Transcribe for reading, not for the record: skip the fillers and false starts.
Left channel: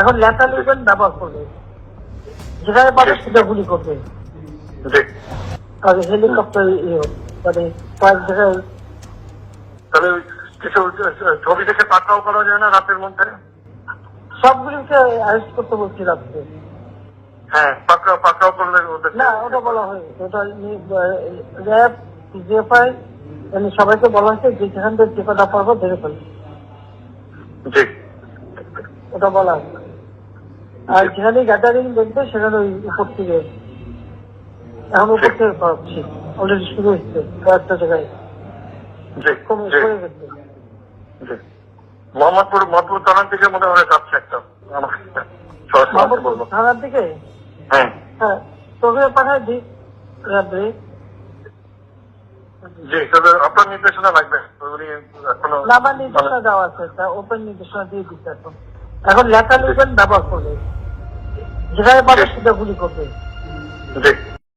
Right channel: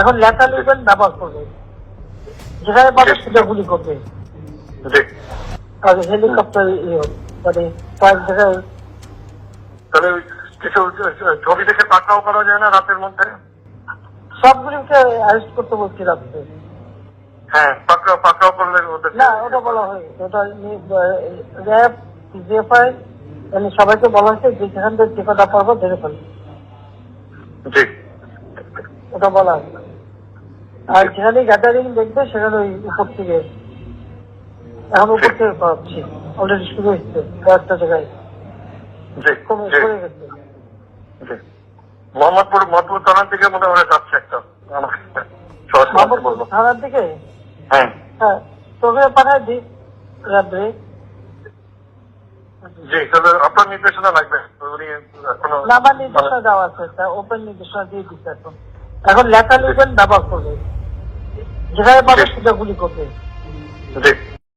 এখন লেখা লিখবেন ব্যবহার করবে, যেখানে পাবে সেটা গুলি করবে। হেলিকপ্টার মানে কয়েক জায়গায় তবে কিছু ছবি দেখে পাকড়াও করা যায় না রাতের মধ্যে? সবগুলিকে অ্যারেস্ট করতে বলছি রাত্রে। হ্যাঁ, পাকড়াও করলে না, ওটা বলা হয়েছে, ওটা র্যাব জিএফআই সবাইকে বলা হচ্ছে যে যেখান থেকে টিকাটা পারবো ধরে ফেলবে, ওটা বলা হচ্ছে। আর যেখানে গ্যাদারিং দেখবে সেখানে ওই উপর থেকে, এখন উপর থেকে করাচ্ছি, অলরেডি শুরু হচ্ছে কয়েকটা জায়গায় কমে গেছে। মোহাম্মদপুর থানার দিকে মনে হয় যাচ্ছে একটা থানার দিকে। হ্যাঁ হ্যাঁ, তোকে পাঠায় দিই রাত্রে। জি, তবে আপনার নির্দেশনা লাগবে। আমার নির্দেশনা দেওয়া আছে, ওপেন নির্দেশনা দিয়ে দিচ্ছে। এখন লেখা লিখবেন ব্যবহার করবে, যেখানে পাবে সেটা গুলি করবে। জি।